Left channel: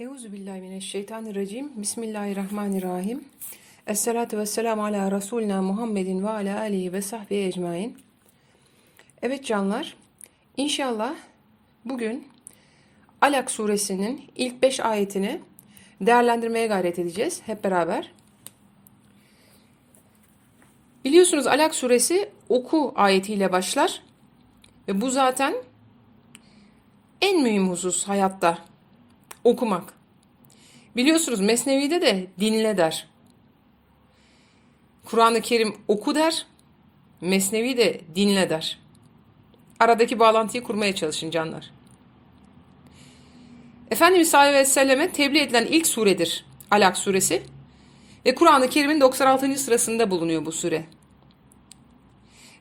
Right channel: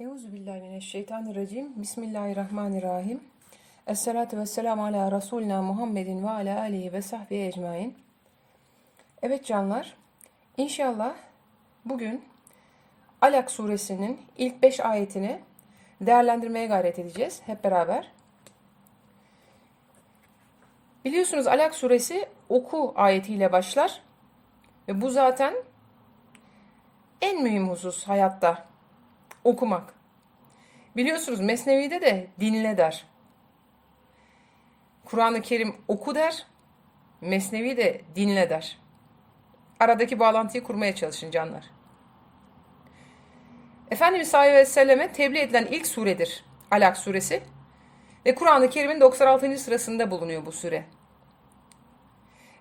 Euzu billahi mineşşeytanirracim. Bismillahirrahmanirrahim. Esselatu vesselamu ala Resulina Muhammedin ve ala alihi ve sahbihi ecmain. Evet canlar, inşallah bugün Alak suresinin ilk beş ayetini değerlendirmeye gayret edeceğiz hep beraber. Biliyorsunuz Alak suresi oku ayetiyle başlar ve bu zaten en mühim husus hayatta okumak. Biliyorsunuz Mesnevi'de de dinle der. Kur'an-ı Kerim oku der, Mesnevi de dinle der. Aradaki bağlantıyı kurmaya çalışın canlar. Efendimiz sallallahu aleyhi ve selleme tebliğ edilen ilk suredir Alak suresi. Ve Kur'an-ı Kerim'in 96. sırasında bulunuyor bu sure.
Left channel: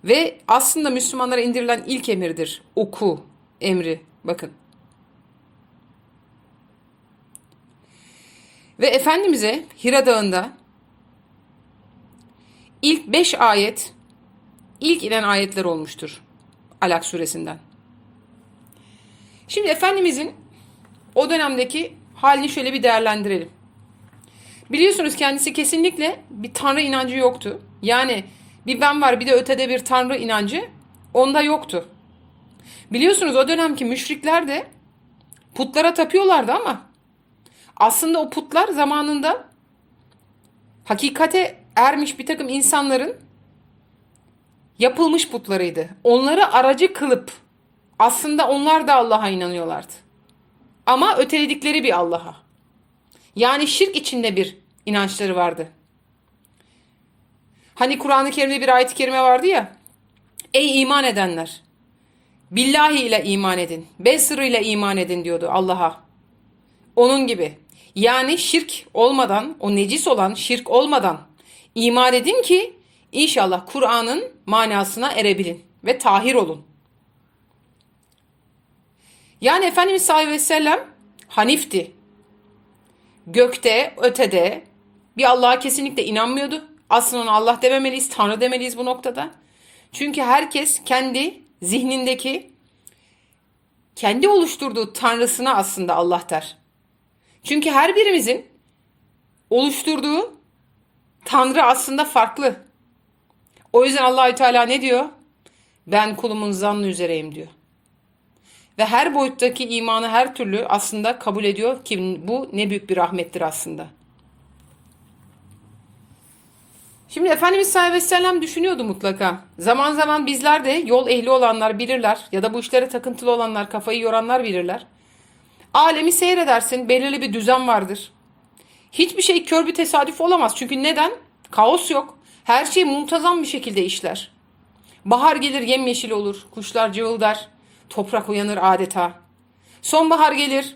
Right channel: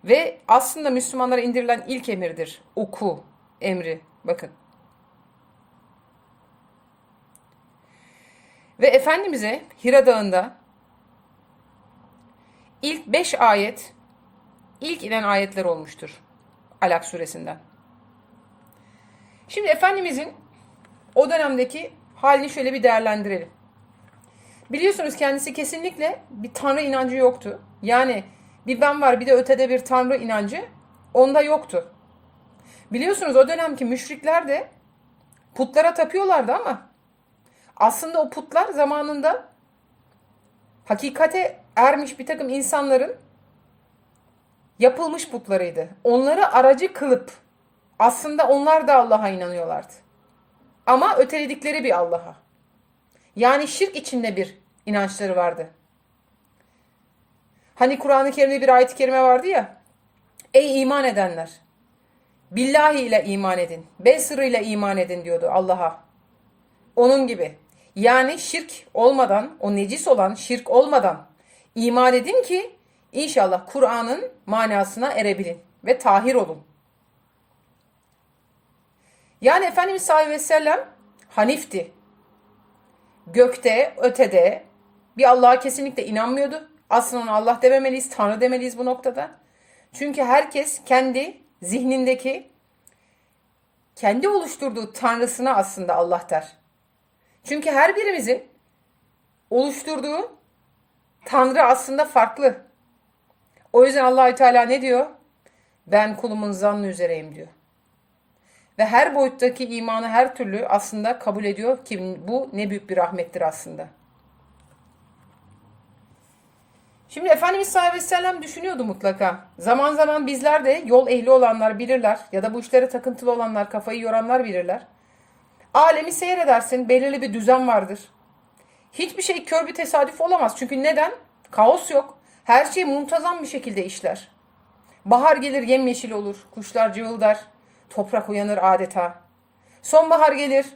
Ve aslında Müslümanlara indirilen ilk emirdir. Oku emri. Bakın. Ve Efendimiz'e Hira Dağı'nda ilk beş ayet, ilk inen ayetler olmuştur. Alak suresinden. Şimdi Efendimiz'in o dönemdeki halini şöyle bir değerlendirelim. Biliyorsunuz kendisi kesinlikle bir tanrı inancı yoktu. Yani bir ben var bir de ötede bir tanrı inancı onda yoktu. Biliyorsunuz o dönemki müşrikler de putlara tapıyorlardı ama aslında o putlar zamanında hakikate ermiş bir takım insanların yapılmış putlarıydı. Onları aracı kılıp aslında onlar da Allah'a inanıyorlardı. Ama öteledikleri bir Allah'a. Yani şirk içinde bir inançları vardı. Hani Kur'an-ı Kerim'de bir ayet-i kerime vardı ya. Ey iman edenler! Billahi ile iman edin. Besr ile iman edin diyordu Allah'a. Onun gibi. Yani şirk olmadan, o necis olan şirk olmadan iman edin ki inşallah Kur'an'ın manasına erebilin ve tahir olun. Yani Efendimiz sallallahu aleyhi ve sellem Hanif'ti. Gökte, ötede bir Allah'a kesinlikle inanmıyordu. Aslında ona Allah dememeliyiz, Tanrı demeliyiz bu noktada. Çünkü herkes kendi zihnindeki, kendi oluşturduğu Tanrısına aslında Allah der. Çünkü her birimizin oluşturduğu Tanrı aslında farklı. O yüzden Allahü Teala ne diyor? Ben kulumun zannı üzereyim diyor. Ve her boyuttaki imanı her türlü aslında kabul ediyor ki bu ne büyük bir rahmettir aslında. Şimdi Efendimiz sallallahu aleyhi ve sellem düşünüyordu mutlaka. Zaman zaman bizler de yol ehli olanlar bilirler ya da bu işlere takıntılı olanlar, kafayı yoranlar bilirler. Alemi seyredersin, belirli bir düzen vardır. Hiçbir şey kör bir tesadüf olamaz. Çünkü neden? Kaos yok. Her şey muntazam bir şekilde işler. Bahar gelir yemyeşil olur, kuşlar cıvıldar, toprak uyanır adeta. Sonbahar gelir,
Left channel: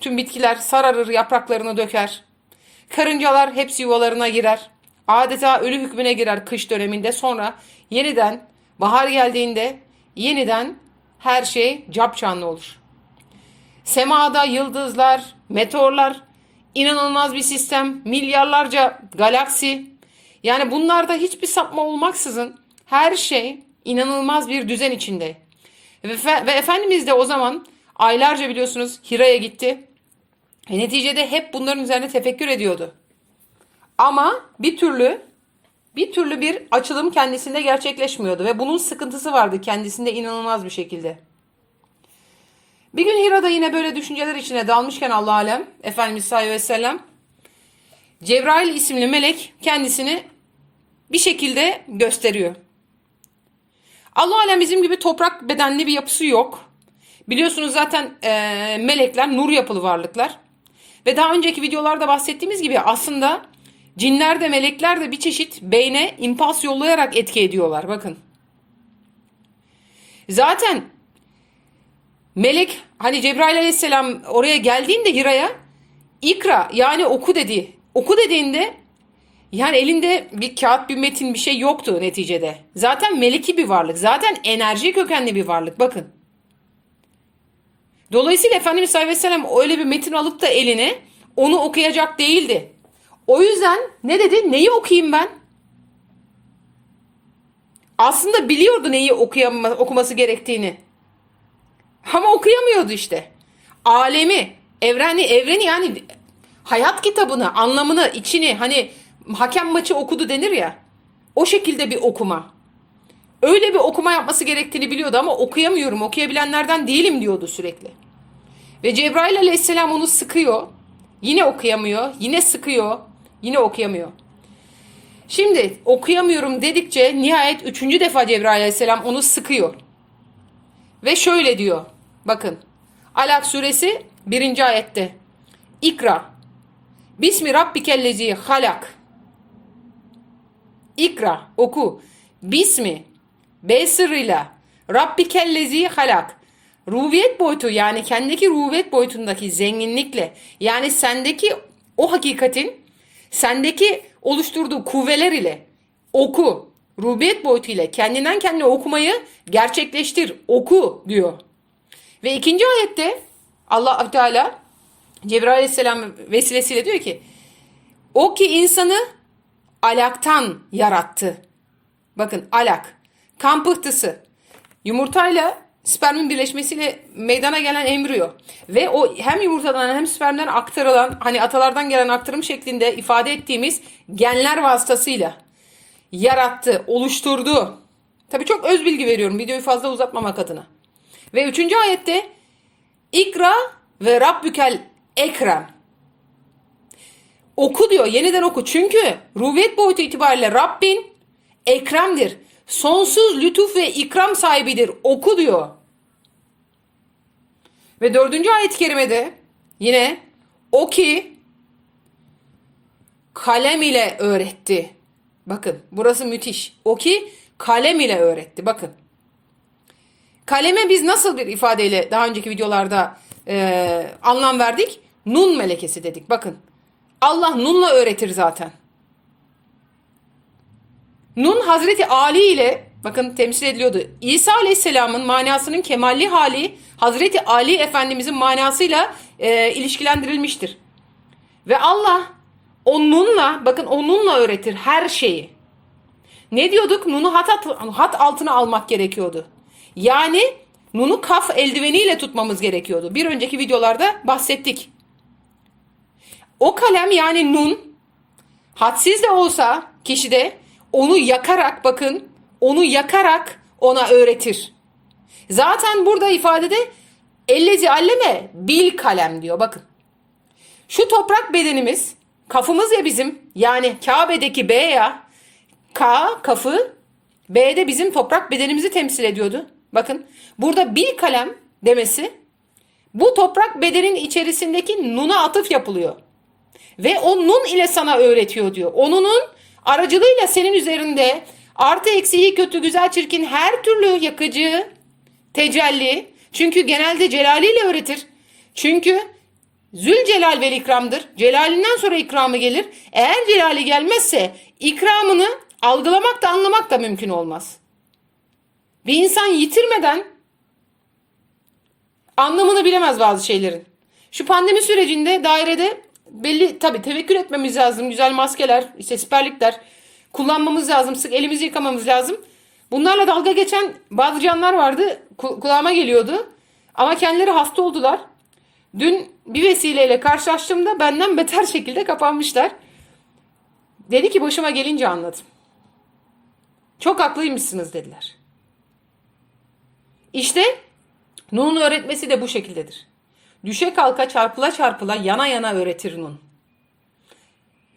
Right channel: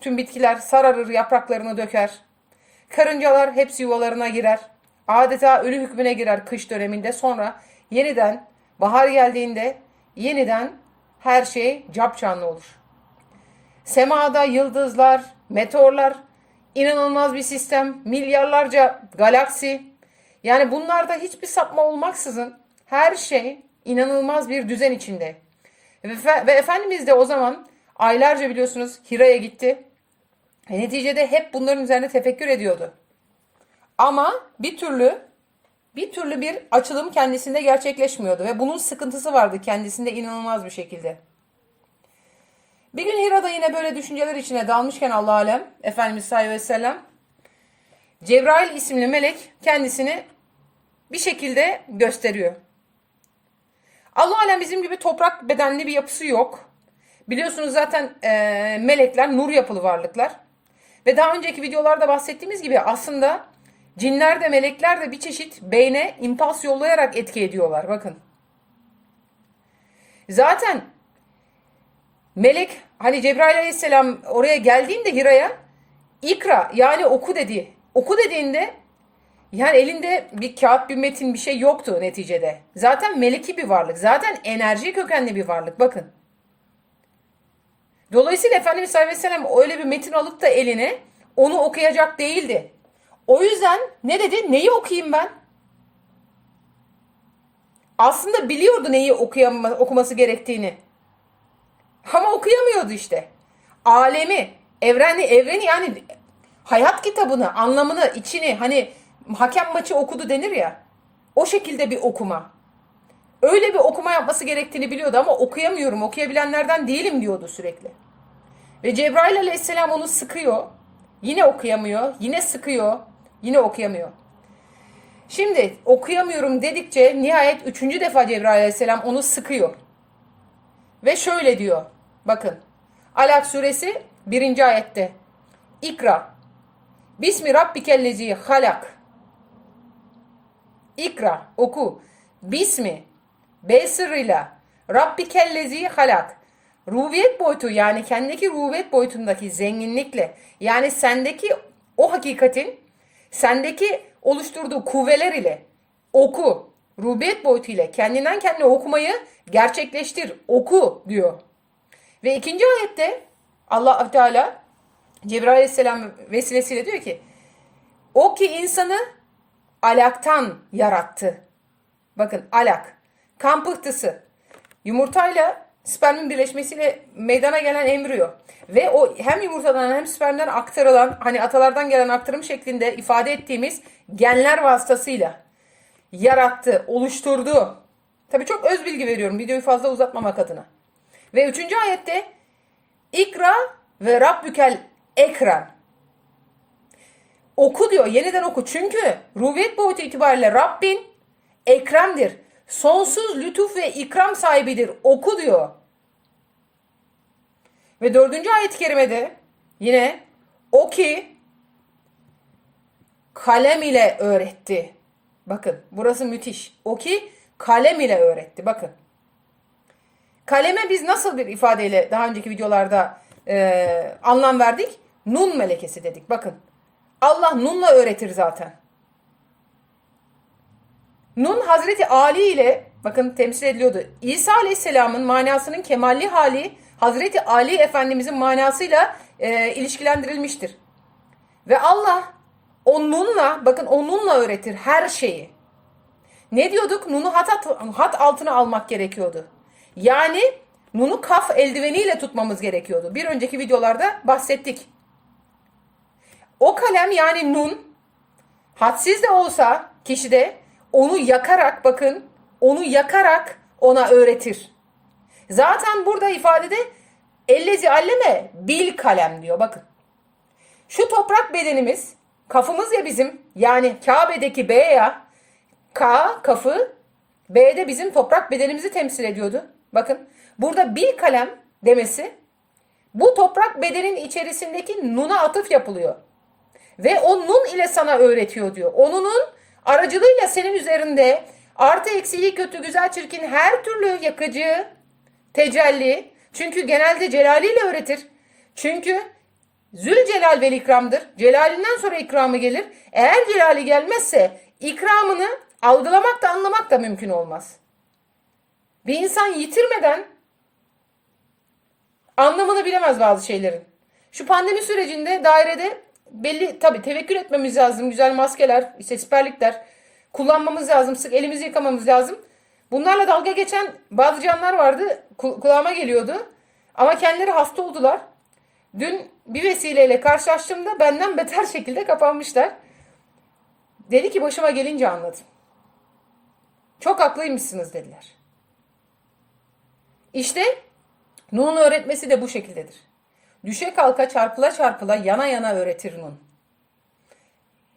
tüm bitkiler sararır, yapraklarını döker. Karıncalar hepsi yuvalarına girer. Adeta ölü hükmüne girer kış döneminde sonra yeniden bahar geldiğinde yeniden her şey capcanlı olur. Semada yıldızlar, meteorlar, inanılmaz bir sistem, milyarlarca galaksi. Yani bunlarda hiçbir sapma olmaksızın her şey inanılmaz bir düzen içinde. Ve, ve Efendimiz de o zaman aylarca biliyorsunuz Hira'ya gitti. Ve neticede hep bunların üzerine tefekkür ediyordu. Ama bir türlü bir türlü bir açılım kendisinde gerçekleşmiyordu ve bunun sıkıntısı vardı kendisinde inanılmaz bir şekilde. Bir gün Hira'da yine böyle düşünceler içine dalmışken Allah alem Efendimiz sallallahu aleyhi ve sellem Cebrail isimli melek kendisini bir şekilde gösteriyor. Allah alem bizim gibi toprak bedenli bir yapısı yok. Biliyorsunuz zaten e, melekler nur yapılı varlıklar. Ve daha önceki videolarda bahsettiğimiz gibi aslında cinler de melekler de bir çeşit beyne impuls yollayarak etki ediyorlar. Bakın. Zaten melek hani Cebrail aleyhisselam oraya geldiğinde Hira'ya ikra yani oku dedi. Oku dediğinde yani elinde bir kağıt bir metin bir şey yoktu neticede. Zaten meleki bir varlık. Zaten enerji kökenli bir varlık. Bakın. Dolayısıyla Efendimiz sallallahu aleyhi ve sellem öyle bir metin alıp da eline onu okuyacak değildi. O yüzden ne dedi? Neyi okuyayım ben? Aslında biliyordu neyi okuyama, okuması gerektiğini. Ama okuyamıyordu işte. Alemi, Evreni, evreni yani hayat kitabını, anlamını, içini hani hakem maçı okudu denir ya. O şekilde bir okuma. Öyle bir okuma yapması gerektiğini biliyordu ama okuyamıyorum, okuyabilenlerden değilim diyordu sürekli. Ve Cebrail aleyhisselam onu sıkıyor. Yine okuyamıyor, yine sıkıyor, yine okuyamıyor. Şimdi okuyamıyorum dedikçe nihayet üçüncü defa Cebrail aleyhisselam onu sıkıyor. Ve şöyle diyor. Bakın. Alak suresi birinci ayette. İkra. Bismi rabbikellezi halak. İkra. Oku. Bismi. B sırrıyla. Rabbikellezi halak. Rubiyet boyutu yani kendiki rubiyet boyutundaki zenginlikle yani sendeki o hakikatin sendeki oluşturduğu kuvveler ile oku. Rubiyet boyutu ile kendinden kendine okumayı gerçekleştir. Oku diyor. Ve ikinci ayette Allah Teala Cebrail Aleyhisselam vesilesiyle diyor ki o ki insanı alaktan yarattı. Bakın alak. Kan pıhtısı. Yumurtayla spermin birleşmesiyle meydana gelen embriyo. Ve o hem yumurtadan hem spermden aktarılan hani atalardan gelen aktarım şeklinde ifade ettiğimiz genler vasıtasıyla yarattı, oluşturdu. Tabii çok öz bilgi veriyorum videoyu fazla uzatmamak adına. Ve üçüncü ayette İkra ve Rabbükel Ekrem. Oku diyor yeniden oku. Çünkü rubiyet boyutu itibariyle Rabbin Ekrem'dir. Sonsuz lütuf ve ikram sahibidir. Oku diyor. Ve dördüncü ayet-i kerimede yine o ki kalem ile öğretti. Bakın burası müthiş. O ki kalem ile öğretti. Bakın. Kaleme biz nasıl bir ifadeyle daha önceki videolarda e, anlam verdik? Nun melekesi dedik. Bakın. Allah nunla öğretir zaten. Nun Hazreti Ali ile bakın temsil ediliyordu. İsa Aleyhisselam'ın manasının kemalli hali Hazreti Ali Efendimizin manasıyla e, ilişkilendirilmiştir. Ve Allah o nunla bakın o nunla öğretir her şeyi. Ne diyorduk? Nunu hat, hat altına almak gerekiyordu. Yani nunu kaf eldiveniyle tutmamız gerekiyordu. Bir önceki videolarda bahsettik. O kalem yani nun hadsiz de olsa kişide onu yakarak bakın onu yakarak ona öğretir. Zaten burada ifadede ellezi alleme bil kalem diyor bakın. Şu toprak bedenimiz kafımız ya bizim yani Kabe'deki B ya K kafı B'de bizim toprak bedenimizi temsil ediyordu. Bakın burada bil kalem demesi bu toprak bedenin içerisindeki nuna atıf yapılıyor. Ve o nun ile sana öğretiyor diyor. Onunun aracılığıyla senin üzerinde artı eksi iyi kötü güzel çirkin her türlü yakıcı tecelli. Çünkü genelde celaliyle öğretir. Çünkü Zülcelal vel ikramdır. Celalinden sonra ikramı gelir. Eğer celali gelmezse ikramını algılamak da anlamak da mümkün olmaz. Bir insan yitirmeden anlamını bilemez bazı şeylerin. Şu pandemi sürecinde dairede belli tabii tevekkül etmemiz lazım. Güzel maskeler, işte siperlikler kullanmamız lazım. Sık elimizi yıkamamız lazım. Bunlarla dalga geçen bazı canlar vardı. Kulağıma geliyordu. Ama kendileri hasta oldular. Dün bir vesileyle karşılaştığımda benden beter şekilde kapanmışlar. Dedi ki başıma gelince anladım. Çok haklıymışsınız dediler. İşte Nun'un öğretmesi de bu şekildedir. Düşe kalka çarpıla çarpıla yana yana öğretir Nun.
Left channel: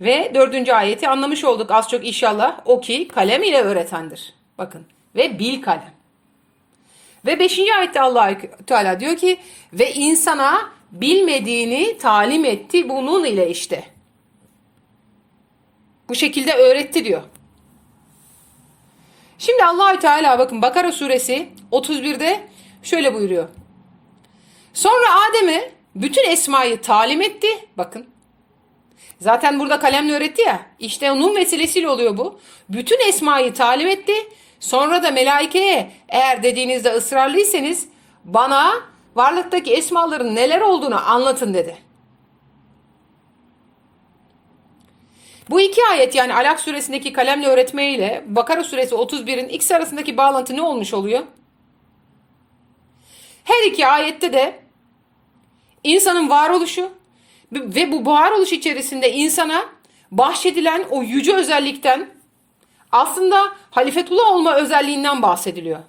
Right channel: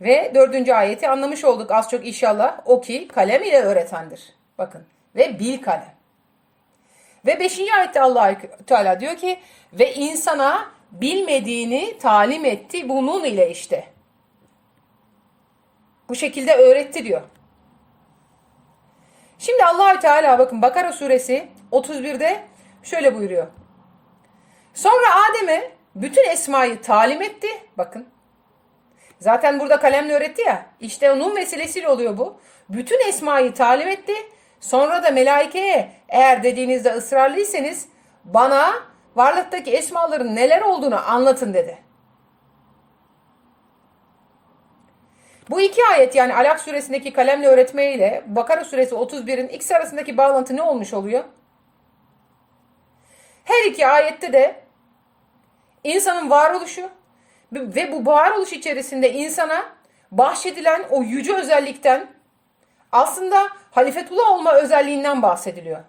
Ve dördüncü ayeti anlamış olduk az çok inşallah. O ki kalem ile öğretendir. Bakın ve bil kalem. Ve beşinci ayette allah Teala diyor ki ve insana bilmediğini talim etti bunun ile işte. Bu şekilde öğretti diyor. Şimdi allah Teala bakın Bakara suresi 31'de şöyle buyuruyor. Sonra Adem'e bütün esmayı talim etti. Bakın. Zaten burada kalemle öğretti ya. İşte onun vesilesiyle oluyor bu. Bütün esmayı talim etti. Sonra da melaikeye eğer dediğinizde ısrarlıysanız bana varlıktaki esmaların neler olduğunu anlatın dedi. Bu iki ayet yani Alak suresindeki kalemle öğretme ile Bakara suresi 31'in ikisi arasındaki bağlantı ne olmuş oluyor? Her iki ayette de insanın varoluşu ve bu varoluş içerisinde insana bahşedilen o yüce özellikten aslında halifetullah olma özelliğinden bahsediliyor.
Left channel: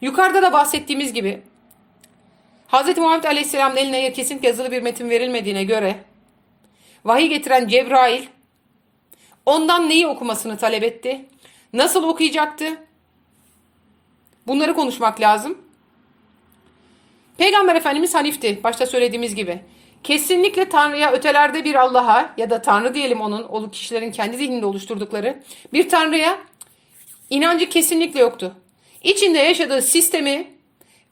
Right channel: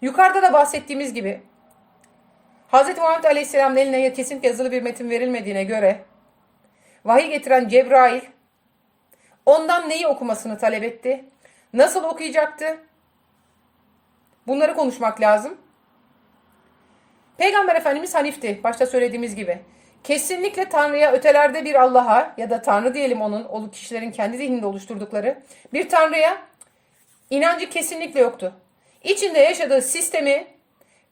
Yukarıda da bahsettiğimiz gibi Hz. Muhammed Aleyhisselam'ın eline kesinlikle yazılı bir metin verilmediğine göre vahiy getiren Cebrail ondan neyi okumasını talep etti? Nasıl okuyacaktı? Bunları konuşmak lazım. Peygamber Efendimiz Hanif'ti. Başta söylediğimiz gibi. Kesinlikle Tanrı'ya ötelerde bir Allah'a ya da Tanrı diyelim onun, o kişilerin kendi zihninde oluşturdukları bir Tanrı'ya inancı kesinlikle yoktu. İçinde yaşadığı sistemi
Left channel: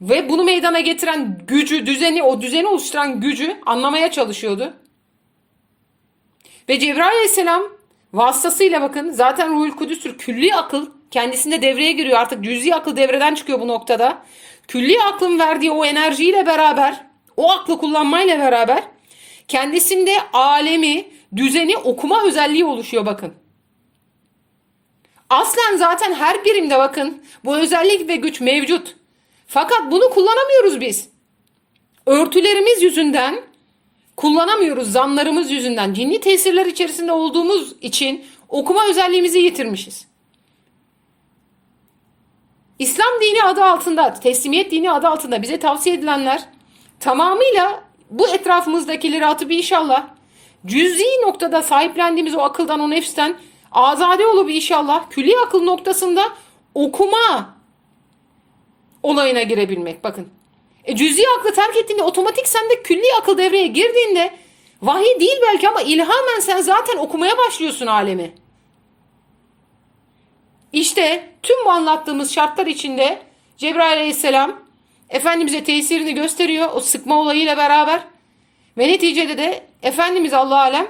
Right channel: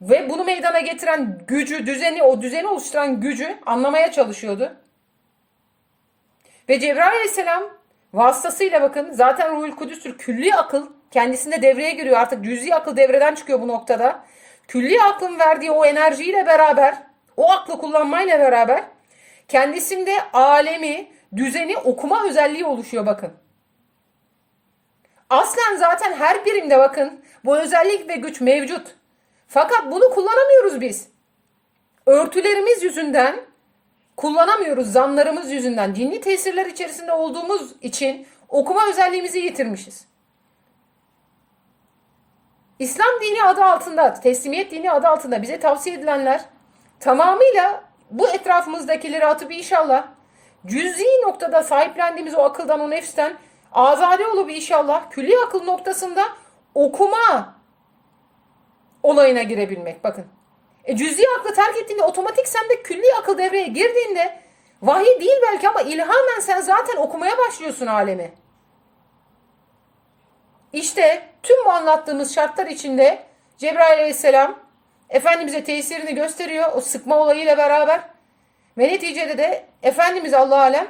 ve bunu meydana getiren gücü, düzeni, o düzeni oluşturan gücü anlamaya çalışıyordu. Ve Cebrail Aleyhisselam vasıtasıyla bakın zaten Ruhul Kudüs'tür. Külli akıl kendisinde devreye giriyor. Artık cüz'i akıl devreden çıkıyor bu noktada. Külli aklın verdiği o enerjiyle beraber, o aklı kullanmayla beraber kendisinde alemi, düzeni okuma özelliği oluşuyor bakın. Aslen zaten her birimde bakın bu özellik ve güç mevcut. Fakat bunu kullanamıyoruz biz. Örtülerimiz yüzünden kullanamıyoruz zanlarımız yüzünden. Cinli tesirler içerisinde olduğumuz için okuma özelliğimizi yitirmişiz. İslam dini adı altında, teslimiyet dini adı altında bize tavsiye edilenler tamamıyla bu etrafımızdakileri atıp inşallah cüz'i noktada sahiplendiğimiz o akıldan, o nefsten azade olup inşallah külli akıl noktasında okuma olayına girebilmek. Bakın. E, cüz'i aklı terk ettiğinde otomatik sende külli akıl devreye girdiğinde vahiy değil belki ama ilhamen sen zaten okumaya başlıyorsun alemi. İşte tüm bu anlattığımız şartlar içinde Cebrail aleyhisselam Efendimiz'e tesirini gösteriyor o sıkma olayıyla beraber. Ve neticede de Efendimiz Allah alem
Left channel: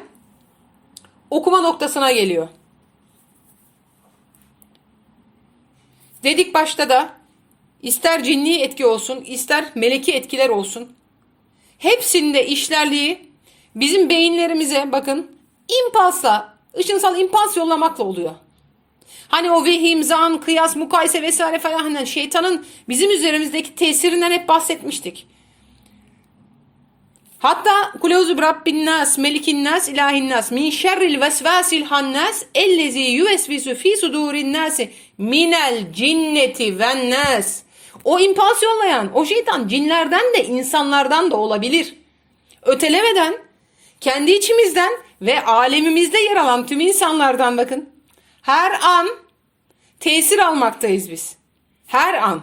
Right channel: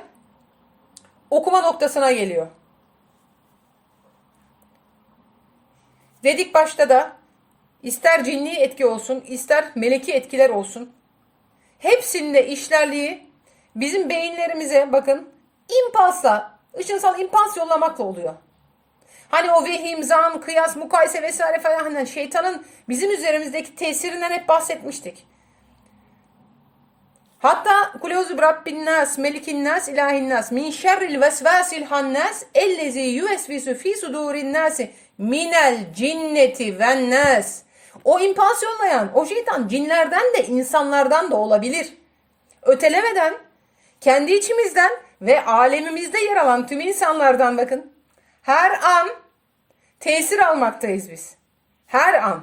okuma noktasına geliyor. Dedik başta da ister cinni etki olsun ister meleki etkiler olsun. Hepsinde işlerliği bizim beyinlerimize bakın impulsla, ışınsal impuls yollamakla oluyor. Hani o vehim, zan, kıyas, mukayese vesaire falan hani şeytanın bizim üzerimizdeki tesirinden hep bahsetmiştik. Hatta kuleuzu Rabbin nas, melikin nas, ilahin nas, min şerril vesvasil hannas, ellezi yüvesvisu fi sudurin nasi, minel cinneti ven nas. O impas yollayan, o şeytan cinlerden de insanlardan da olabilir. Ötelemeden, kendi içimizden ve alemimizde yer alan tüm insanlardan bakın. Her an tesir almaktayız biz. Her an.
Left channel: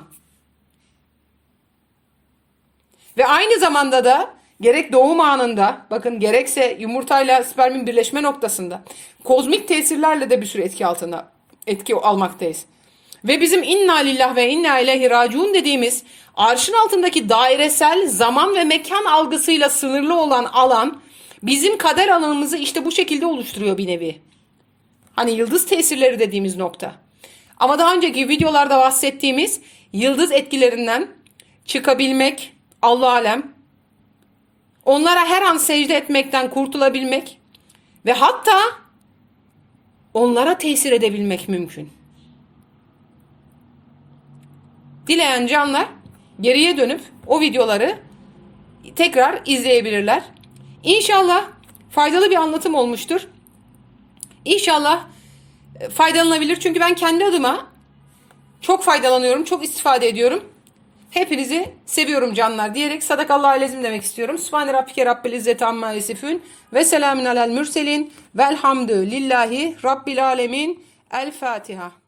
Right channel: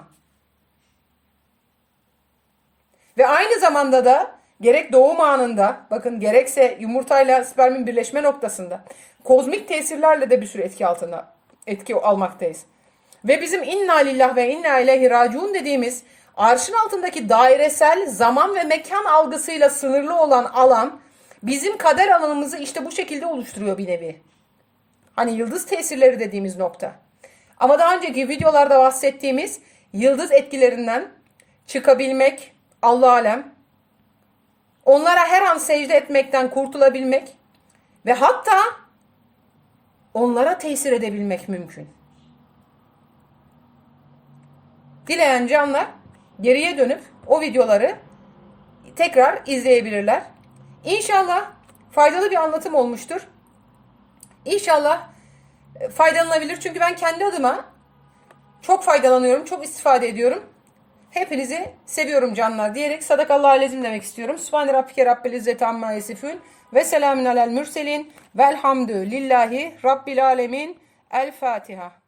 Ve aynı zamanda da gerek doğum anında bakın gerekse yumurtayla spermin birleşme noktasında kozmik tesirlerle de bir sürü etki altında etki almaktayız. Ve bizim inna lillah ve inna ileyhi raciun dediğimiz arşın altındaki dairesel zaman ve mekan algısıyla sınırlı olan alan bizim kader alanımızı işte bu şekilde oluşturuyor bir nevi. Hani yıldız tesirleri dediğimiz nokta. Ama daha önceki videolarda bahsettiğimiz yıldız etkilerinden çıkabilmek, Allah alem, onlara her an secde etmekten kurtulabilmek ve hatta onlara tesir edebilmek mümkün. Dileyen canlar geriye dönüp o videoları tekrar izleyebilirler. İnşallah faydalı bir anlatım olmuştur. İnşallah e, faydalanabilir. Çünkü ben kendi adıma çok faydalanıyorum, çok istifade ediyorum. Hepinizi seviyorum canlar diyerek sadakallahu alezim demek istiyorum. Subhane rabbike rabbil izzeti amma yasifun ve selamun alel mürselin velhamdü lillahi rabbil alemin. El Fatiha.